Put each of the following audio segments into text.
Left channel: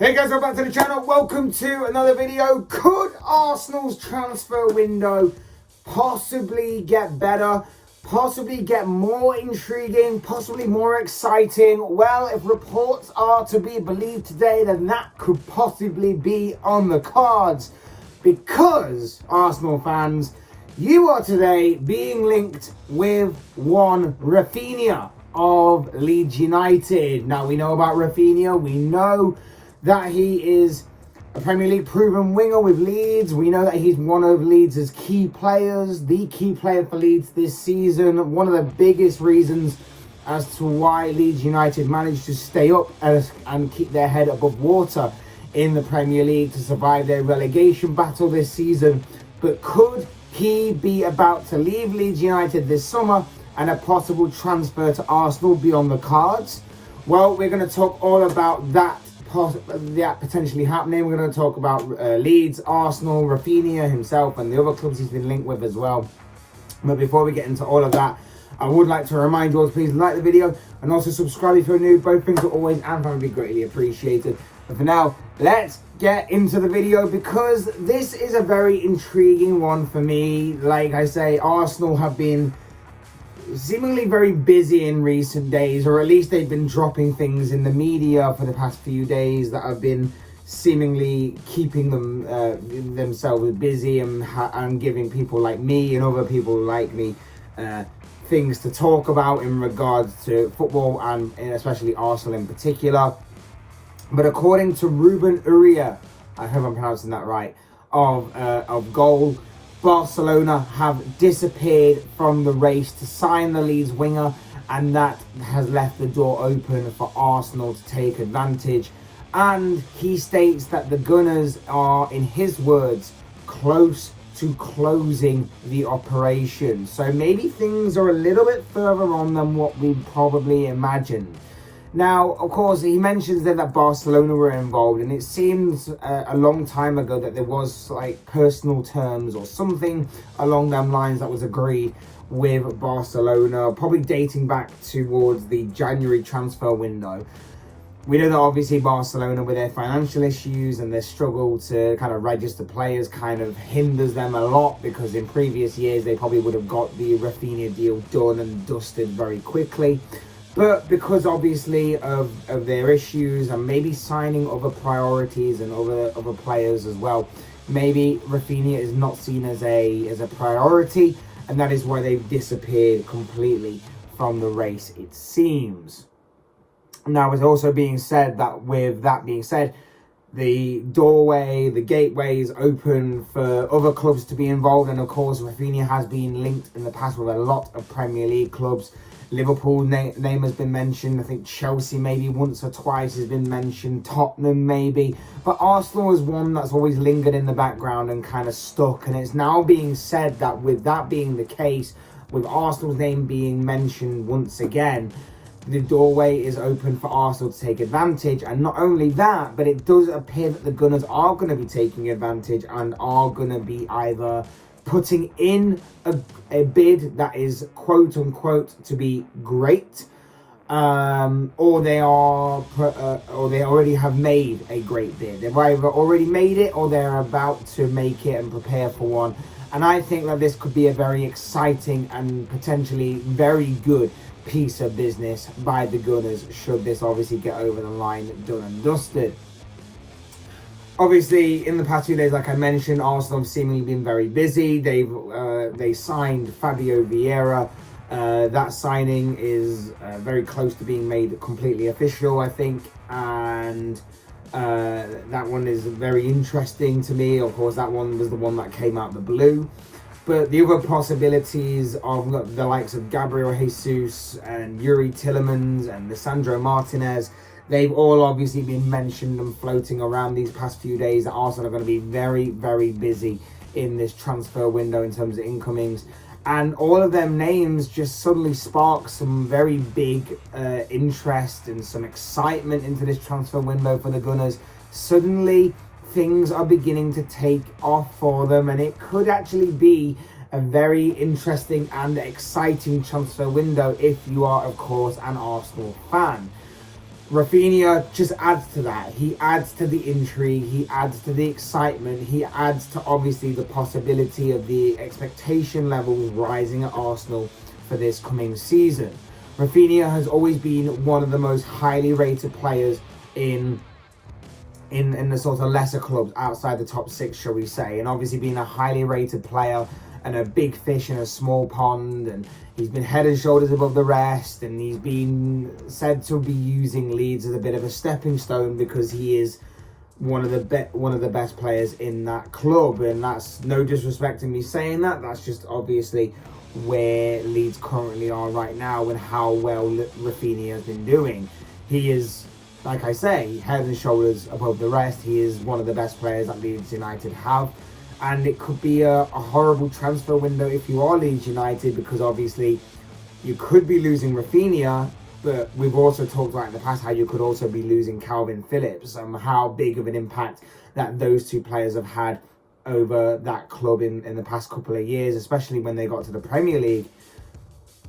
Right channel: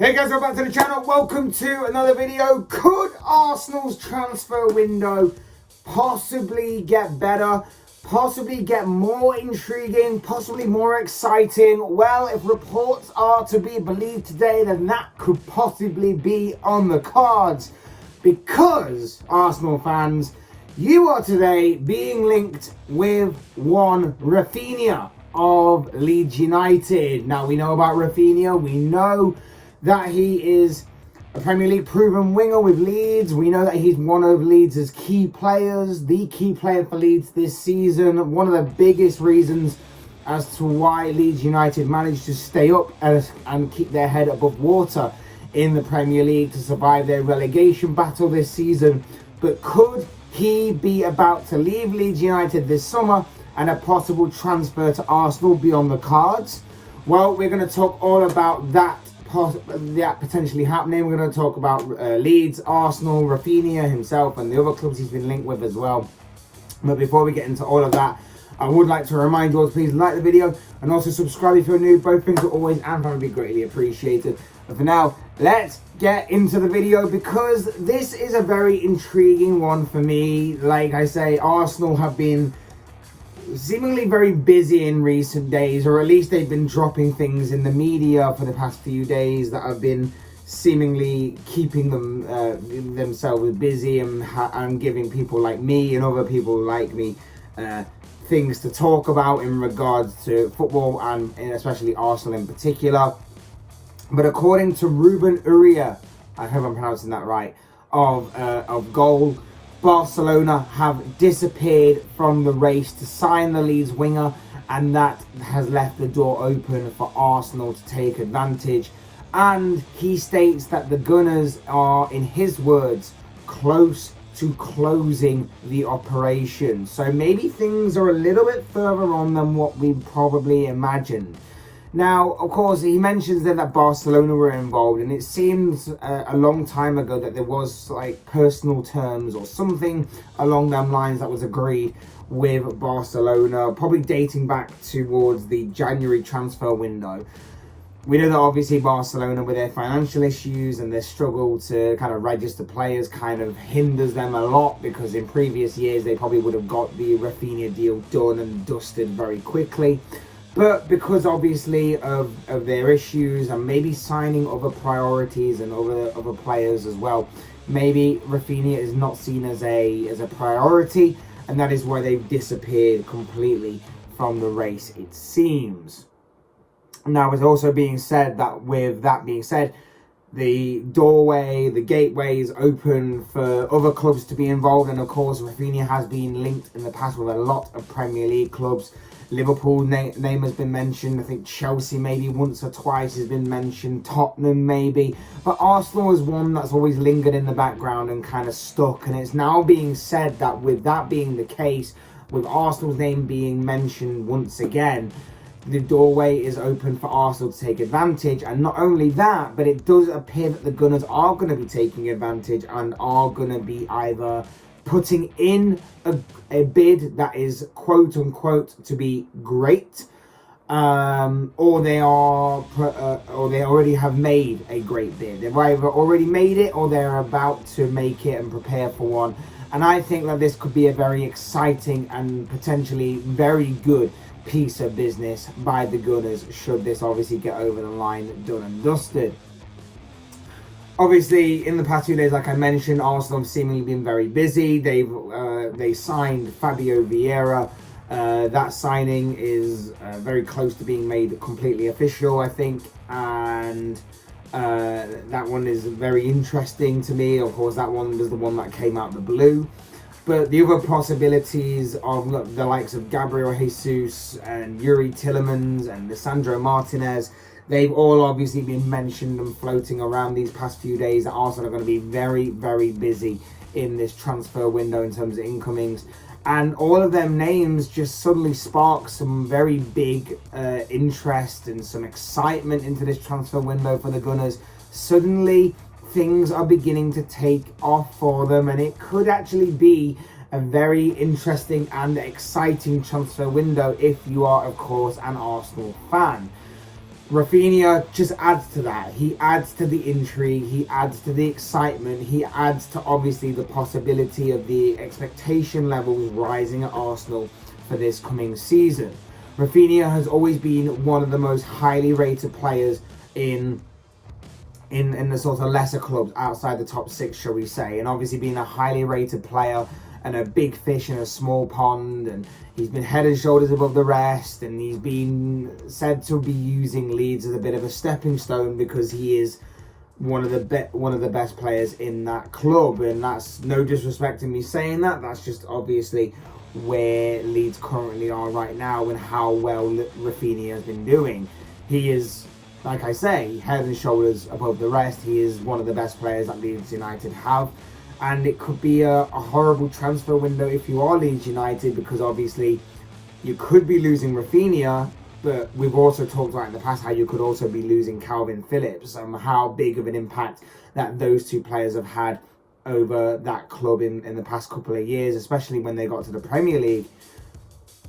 Hey guys, welcome back to the channel. Welcome to another video. Could Arsenal's transfer window possibly get better? Possibly get more intriguing? Possibly more exciting? Well, if reports are to be believed today, then that could possibly be on the cards. Because, Arsenal fans, you are today being linked with one Raphinha of Leeds United. Now, we know about Raphinha. We know that he is a Premier League proven winger with Leeds. We know that he's one of Leeds' key players, the key player for Leeds this season. One of the biggest reasons as to why Leeds United managed to stay up and keep their head above water in the Premier League to survive their relegation battle this season. But could he be about to leave Leeds United this summer and a possible transfer to Arsenal be on the cards? Well, we're going to talk all about that potentially happening. We're going to talk about Leeds, Arsenal, Raphinha himself and the other clubs he's been linked with as well. But before we get into all of that, I would like to remind you all to please like the video and also subscribe if you're new. Both things are always and would be greatly appreciated. But for now, let's get into the video because this is a very intriguing one for me. Like I say, Arsenal have been seemingly very busy in recent days, or at least they've been dropping things in the media for the past few days that have been seemingly keeping them themselves busy and giving people like me and other people like me things to talk about in regards to football and especially Arsenal in particular. But according to Ruben Uria, I hope I'm pronouncing that right, of Goal, Barcelona have disappeared from the race to sign the Leeds winger, and that has left the door open for Arsenal to take advantage. And he states that the Gunners are, in his words, close to closing the operation. So maybe things are a little bit further on than what we probably imagined. Now, of course, he mentions then that Barcelona were involved, and it seems a long time ago that there was like personal terms or something along them lines that was agreed with Barcelona, probably dating back towards the January transfer window. We know that obviously Barcelona, with their financial issues and their struggle to kind of register players, kind of hinders them a lot, because in previous years they probably would have got the Raphinha deal done and dusted very quickly. But because obviously of their issues and maybe signing other priorities and other players as well, maybe Raphinha is not seen as a priority, and that is why they've disappeared completely from the race, it seems. Now, it's also being said that with that being said, the doorway, the gateway is open for other clubs to be involved, and of course Raphinha has been linked in the past with a lot of Premier League clubs. Liverpool name has been mentioned. I think Chelsea maybe once or twice has been mentioned. Tottenham maybe. But Arsenal is one that's always lingered in the background and kind of stuck. And it's now being said that with that being the case, with Arsenal's name being mentioned once again, the doorway is open for Arsenal to take advantage. And not only that, but it does appear that the Gunners are going to be taking advantage and are going to be either putting in a bid that is quote unquote to be great, or they already have made a great bid. They've either already made it or they're about to make it and prepare for one. And I think that this could be a very exciting and potentially very good piece of business by the Gunners, should this obviously get over the line, done and dusted. Obviously, in the past few days, like I mentioned, Arsenal have seemingly been very busy. They signed Fabio Vieira. That signing is very close to being made completely official, I think. And that one is very interesting to me. Of course, that one was the one that came out the blue. But the other possibilities of the likes of Gabriel Jesus and Yuri Tillemans and Lisandro Martinez, they've all obviously been mentioned and floating around these past few days. Arsenal are going to be very, very busy in this transfer window in terms of incomings. And all of them names just suddenly spark some very big interest and some excitement into this transfer window for the Gunners. Suddenly, things are beginning to take off for them, and it could actually be a very interesting and exciting transfer window if you are, of course, an Arsenal fan. Raphinha just adds to that. He adds to the intrigue, he adds to the excitement, he adds to obviously the possibility of the expectation levels rising at Arsenal for this coming season. Raphinha has always been one of the most highly rated players in the sort of lesser clubs outside the top six, shall we say, and obviously being a highly rated player and a big fish in a small pond, and he's been head and shoulders above the rest, and he's been said to be using Leeds as a bit of a stepping stone because he is one of the best players in that club. And that's no disrespect in me saying that, that's just obviously where Leeds currently are right now and how well Raphinha has been doing. He is, like I say, head and shoulders above the rest. He is one of the best players that Leeds United have. And it could be a horrible transfer window if you are Leeds United, because obviously you could be losing Raphinha, but we've also talked about in the past how you could also be losing Calvin Phillips and how big of an impact that those two players have had over that club in the past couple of years, especially when they got to the Premier League.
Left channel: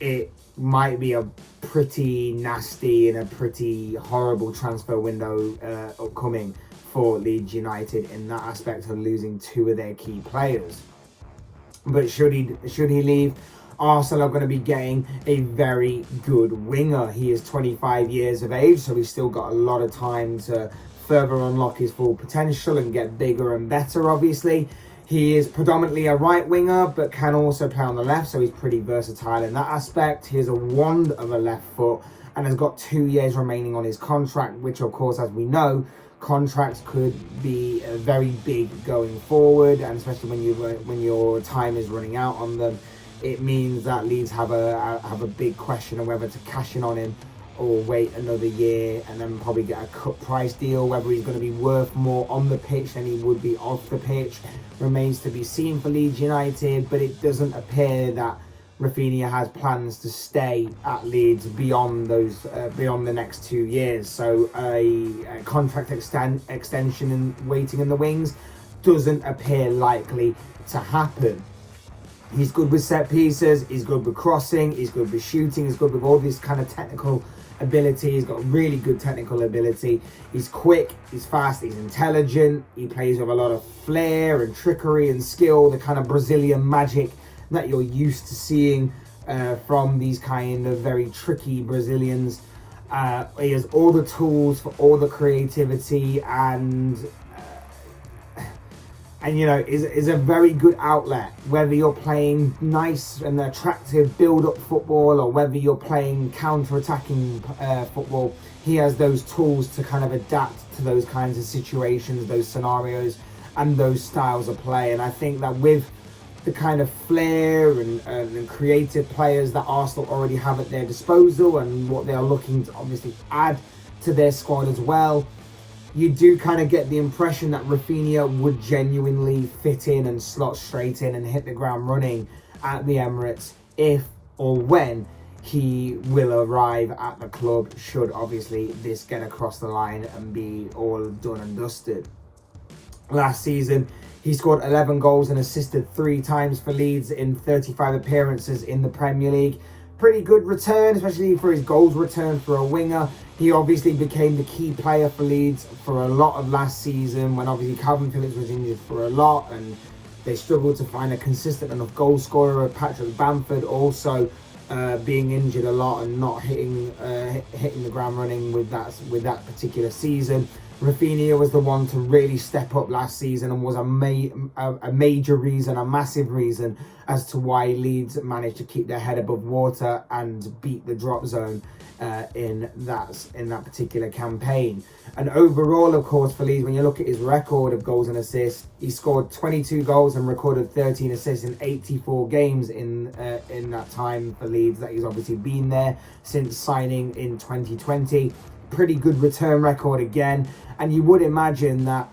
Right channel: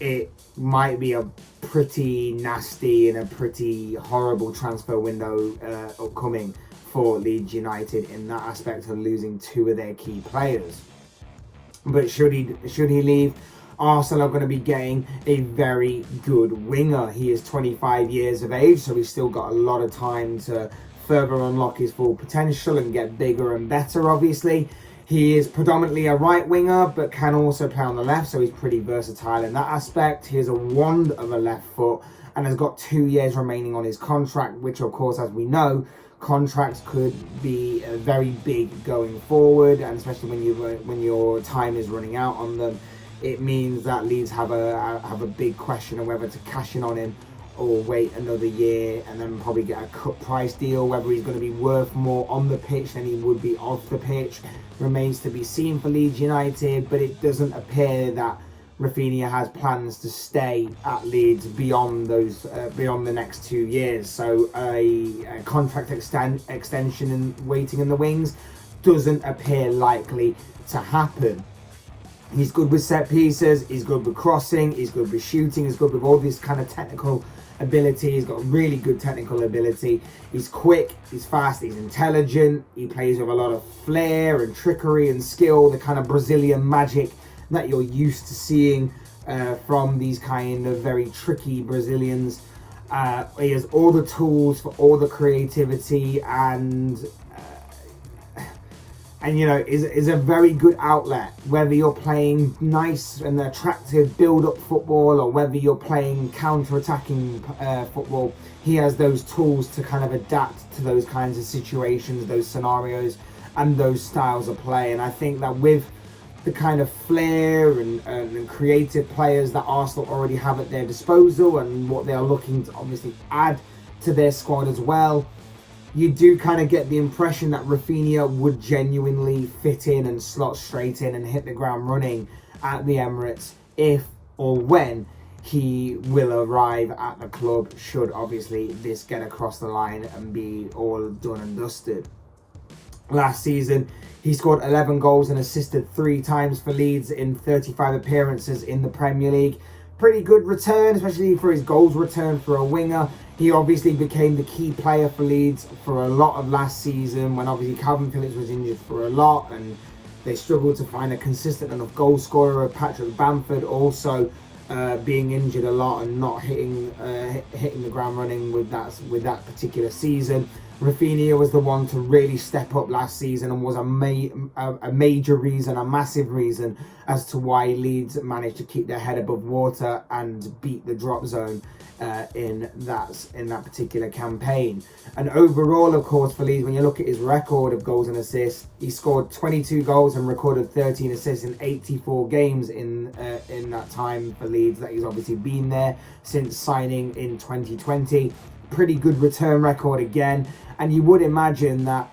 It might be a pretty nasty and a pretty horrible transfer window upcoming for Leeds United in that aspect of losing two of their key players. But should he leave, Arsenal are going to be getting a very good winger. He is 25 years of age, so he's still got a lot of time to further unlock his full potential and get bigger and better, obviously. He is predominantly a right winger, but can also play on the left, so he's pretty versatile in that aspect. He has a wand of a left foot and has got 2 years remaining on his contract, which of course, as we know, contracts could be very big going forward, and especially when your time is running out on them, it means that Leeds have a big question of whether to cash in on him or wait another year and then probably get a cut price deal. Whether he's going to be worth more on the pitch than he would be off the pitch remains to be seen for Leeds United, but it doesn't appear that Raphinha has plans to stay at Leeds beyond the next 2 years. So a contract extension and waiting in the wings doesn't appear likely to happen. He's good with set pieces, he's good with crossing, he's good with shooting, he's good with all this kind of technical ability. He's got really good technical ability. He's quick, he's fast, he's intelligent. He plays with a lot of flair and trickery and skill, the kind of Brazilian magic that you're used to seeing from these kind of very tricky Brazilians. He has all the tools for all the creativity and you know, is a very good outlet, whether you're playing nice and attractive build-up football or whether you're playing counter-attacking football. He has those tools to kind of adapt to those kinds of situations, those scenarios and those styles of play. And I think that with the kind of flair and creative players that Arsenal already have at their disposal and what they are looking to obviously add to their squad as well, you do kind of get the impression that Raphinha would genuinely fit in and slot straight in and hit the ground running at the Emirates if or when he will arrive at the club, should obviously this get across the line and be all done and dusted. Last season, he scored 11 goals and assisted 3 times for Leeds in 35 appearances in the Premier League. Pretty good return, especially for his goals return for a winger. He obviously became the key player for Leeds for a lot of last season, when obviously Calvin Phillips was injured for a lot and they struggled to find a consistent enough goal scorer. Patrick Bamford also being injured a lot and not hitting the ground running with that particular season. Raphinha was the one to really step up last season and was a major reason, a massive reason as to why Leeds managed to keep their head above water and beat the drop zone in that particular campaign. And overall, of course, for Leeds, when you look at his record of goals and assists, he scored 22 goals and recorded 13 assists in 84 games in that time for Leeds that he's obviously been there since signing in 2020. Pretty good return record again, and you would imagine that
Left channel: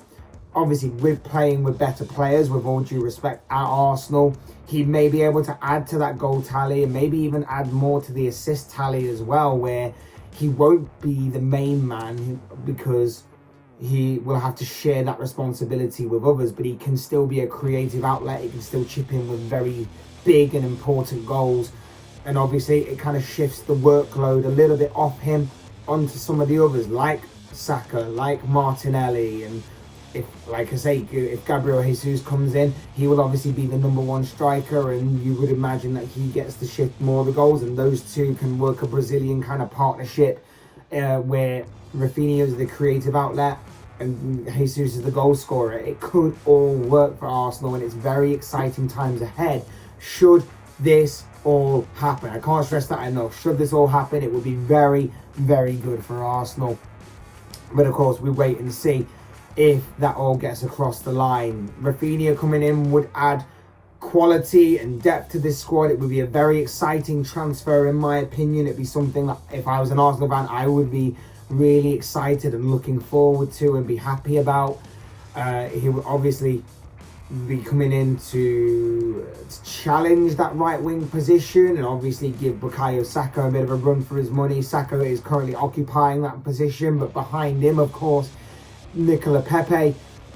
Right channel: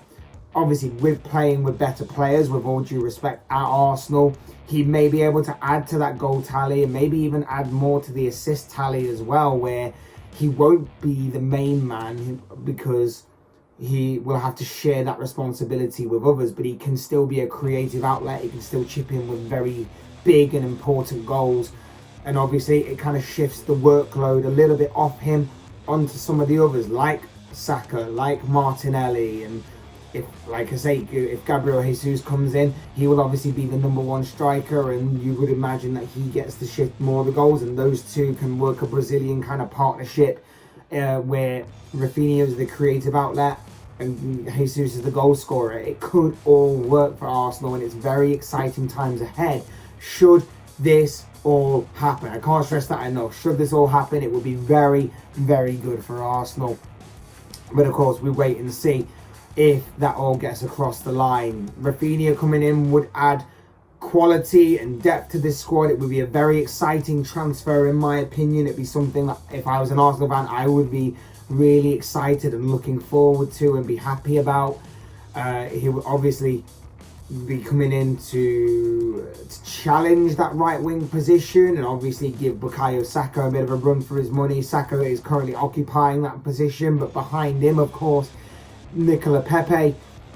obviously with playing with better players, with all due respect, at Arsenal, he may be able to add to that goal tally and maybe even add more to the assist tally as well, where he won't be the main man because he will have to share that responsibility with others, but he can still be a creative outlet. He can still chip in with very big and important goals, and obviously it kind of shifts the workload a little bit off him onto some of the others, like Saka, like Martinelli, and if, like I say, if Gabriel Jesus comes in, he will obviously be the number one striker, and you would imagine that he gets to shift more of the goals, and those two can work a Brazilian kind of partnership where Raphinha is the creative outlet and Jesus is the goal scorer. It could all work for Arsenal, and it's very exciting times ahead should this all happen. I can't stress that enough. Should this all happen, it would be very, very good for Arsenal. But of course, we wait and see if that all gets across the line. Raphinha coming in would add quality and depth to this squad. It would be a very exciting transfer, in my opinion. It'd be something that, if I was an Arsenal fan, I would be really excited and looking forward to and be happy about. He would obviously be coming in to challenge that right wing position and obviously give Bukayo Saka a bit of a run for his money. Saka is currently occupying that position, but behind him, of course, Nicola Pepe.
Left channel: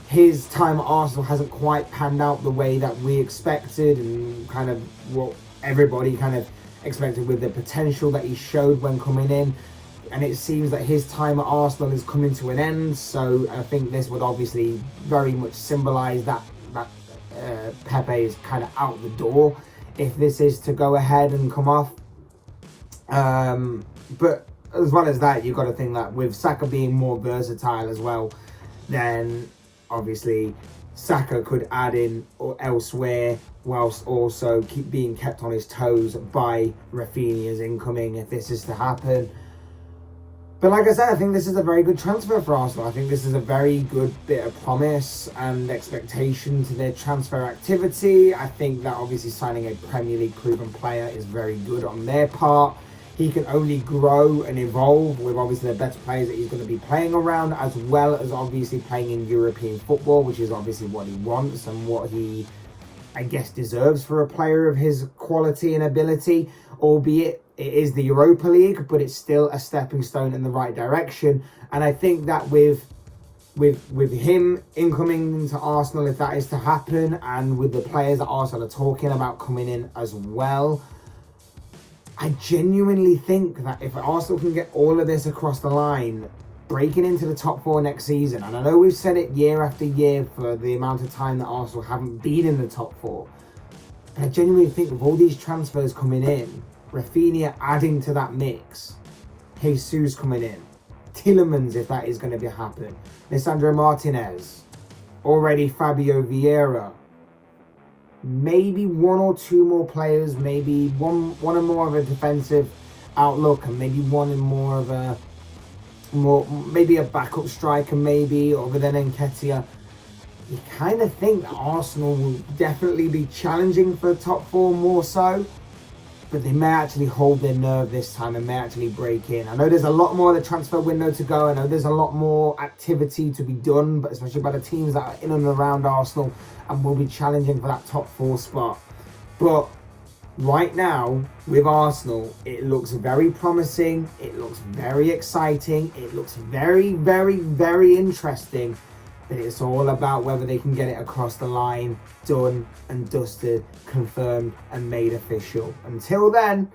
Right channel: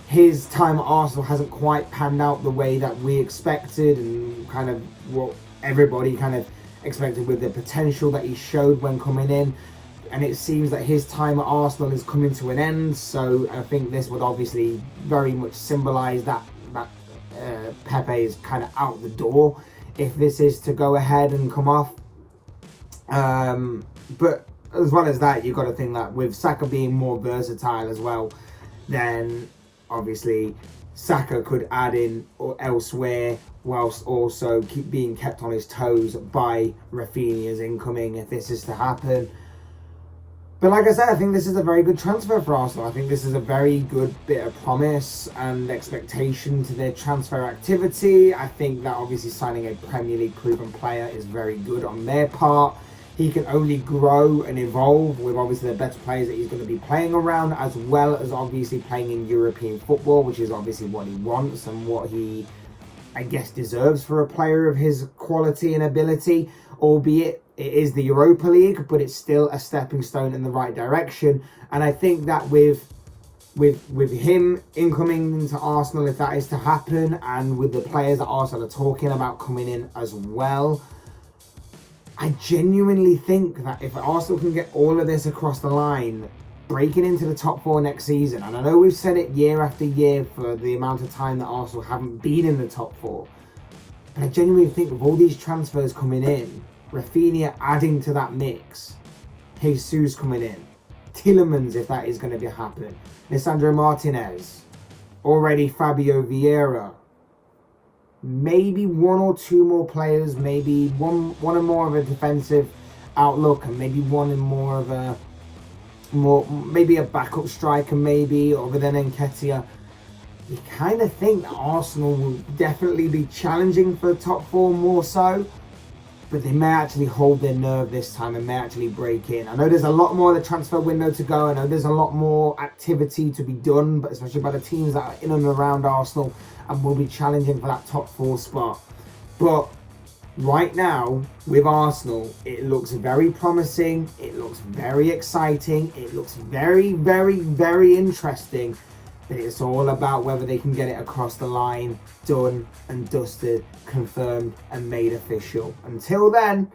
His time at Arsenal hasn't quite panned out the way that we expected, and kind of what everybody kind of expected with the potential that he showed when coming in. And it seems that his time at Arsenal is coming to an end, so I think this would obviously very much symbolise that Pepe is kind of out the door if this is to go ahead and come off. But as well as that, you've got to think that with Saka being more versatile as well, then obviously Saka could add in or elsewhere, whilst also being kept on his toes by Raphinha's incoming if this is to happen. But like I said, I think this is a very good transfer for Arsenal. I think this is a very good bit of promise and expectation to their transfer activity. I think that obviously signing a Premier League proven player is very good on their part. He can only grow and evolve with obviously the better players that he's going to be playing around, as well as obviously playing in European football, which is obviously what he wants and what he, I guess, deserves for a player of his quality and ability. Albeit it is the Europa League, but it's still a stepping stone in the right direction. And I think that with him incoming into Arsenal, if that is to happen, and with the players that Arsenal are talking about coming in as well, I genuinely think that if Arsenal can get all of this across the line, breaking into the top four next season, and I know we've said it year after year for the amount of time that Arsenal haven't been in the top four, but I genuinely think with all these transfers coming in, Raphinha adding to that mix, Jesus coming in, Tielemans if that is going to be happening, Lisandro Martinez, already Fabio Vieira, maybe one or two more players, maybe one and more of a defensive outlook, and maybe one and more of a maybe a backup striker, maybe other than Nketiah. You kind of think that Arsenal will definitely be challenging for the top four more so, but they may actually hold their nerve this time and may actually break in. I know there's a lot more of the transfer window to go. I know there's a lot more activity to be done, but especially by the teams that are in and around Arsenal and will be challenging for that top four spot. But right now, with Arsenal, it looks very promising. It looks very exciting. It looks very, very, very interesting. But it's all about whether they can get it across the line, done and dusted, confirmed and made official. Until then,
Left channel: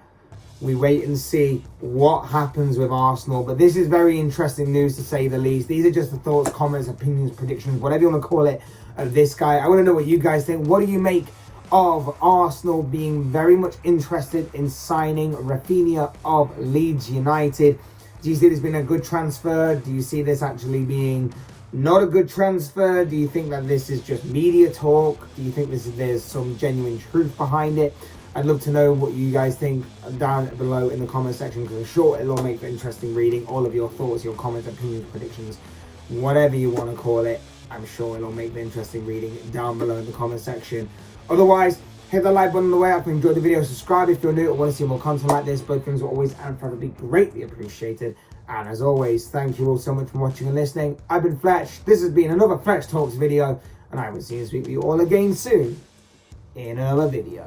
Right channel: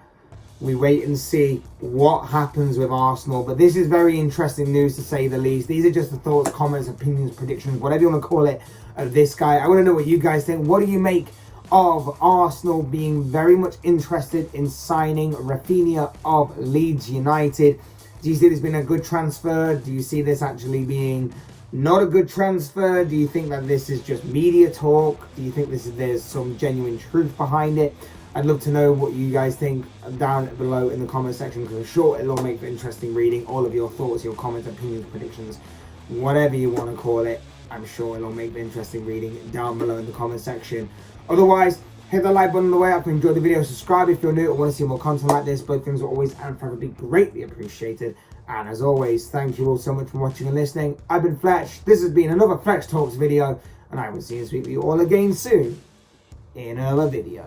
we wait and see what happens with Arsenal. But this is very interesting news, to say the least. These are just the thoughts, comments, opinions, predictions, whatever you want to call it, of this guy. I want to know what you guys think. What do you make of Arsenal being very much interested in signing Raphinha of Leeds United? Do you see this being a good transfer? Do you see this actually being not a good transfer? Do you think that this is just media talk? Do you think there's some genuine truth behind it? I'd love to know what you guys think down below in the comment section, because I'm sure it'll all make for interesting reading. All of your thoughts, your comments, opinions, predictions, whatever you want to call it, I'm sure it'll make for interesting reading down below in the comment section. Otherwise, hit the like button on the way up and enjoy the video. Subscribe if you're new or want to see more content like this. Both things are always and probably greatly appreciated. And as always, thank you all so much for watching and listening. I've been Fletch. This has been another Fletch Talks video, and I will see you all again soon in another video.